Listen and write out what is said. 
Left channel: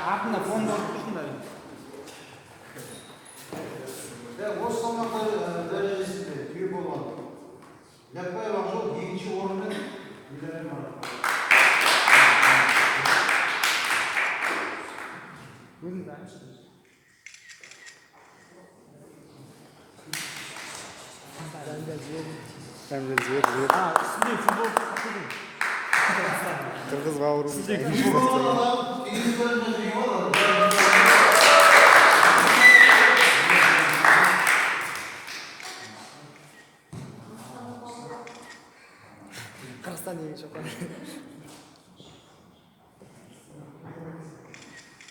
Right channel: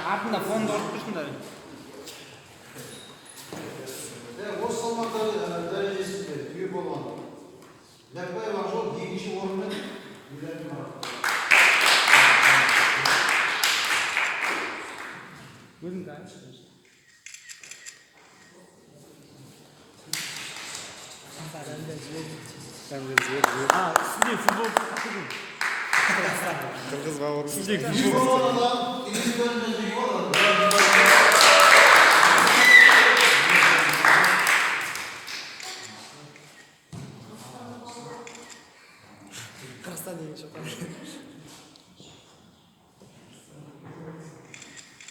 артында фонды ұрып тұрсыңдар. Осы салмақ дәрежесінде түйе болған. Ләпбаев Ақжол екінші орынмен медальмен марапатталды. Өзің дайынсың. Қырғыз бауырымыз. Түйе болған адам,